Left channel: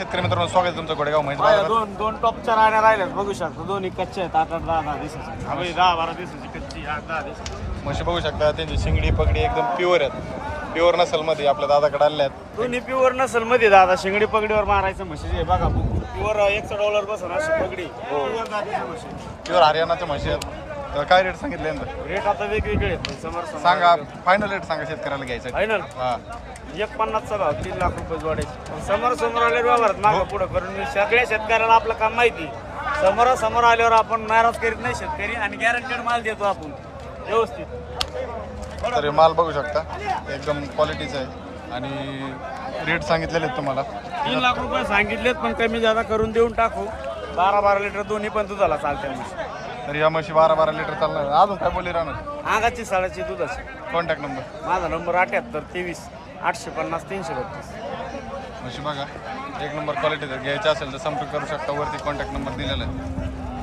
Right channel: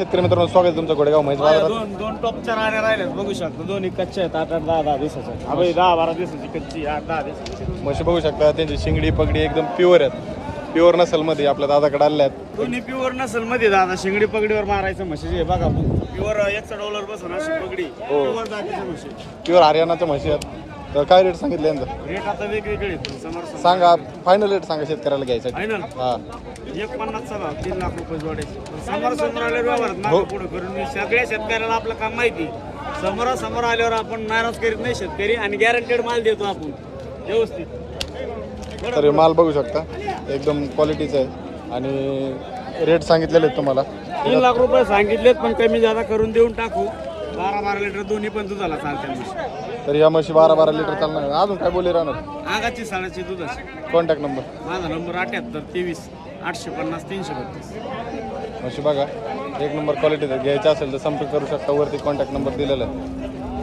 शेतकरी मित्रांनो स्वागत आहे तुमचं गोडेगाव बाया माहिती दोन टॉपच्या राण्या राहिल्यात बघू शकतो. दोन्ही कच्च्या आहेत. 8-10 दिवसाच्या. 10-12 दिवसाची कच्ची, 8-10 दिवसाची. म्हशी बघू शकता. त्यांची शिंगडी पगडी एकदम प्युअर आहेत. प्युअर नसल मध्ये आपल्या दादाकडे आल्या आहेत. दोन्ही प्युअर नसल मध्ये दादा शिंगडी पगडीवर मारायचं म्हशीचे हे बघा. प्युअर $100 बसून अशी पगडी प्युअर जातीच्या म्हशी. प्युअर हरियाणाच्या म्हशी आहेत. तर काय रेट सांगितले यांचे? रेट आता वेगवेगळे आहेत. समोर सांगा फायनल रेट सांगा शेतकऱ्याला घ्यायचं. फायनल हा 1.50चा भाव 3 लाख रुपये जोडायचे. समोर आल्यावर व्यवहारात मागं पुढं करून मी सगळ्या शेतकऱ्याला आपलं काम माहिती. समोर आल्यावर आपण नाराज करीत नाही शेतकरी आणि गॅरंटेड माल देतो आपण व्यवस्थित. तर माल बघू शकता एकदम क्वालिटीचा आहे आणि रेट सांगितलेले आहेत तुम्हाला. 3 लाख रुपये सांगितलेत पण कमी जादा करून देऊन टाकू. 12-12 लिटर दोन्ही पण दुधाला चालते म्हशी. तर या म्हशी 12-12 लिटर चालणार. अजून काय बोले राहणार? आगाची साडाची दुधाची. कॉन्टॅक्ट नंबर माझा नंबर 78 23 850 332. म्हशी बघा एक नंबर क्वालिटी घ्यायचं असेल तर संपर्क करू शकता. वरती कॉन्टॅक्ट नंबर दिलेला आहे.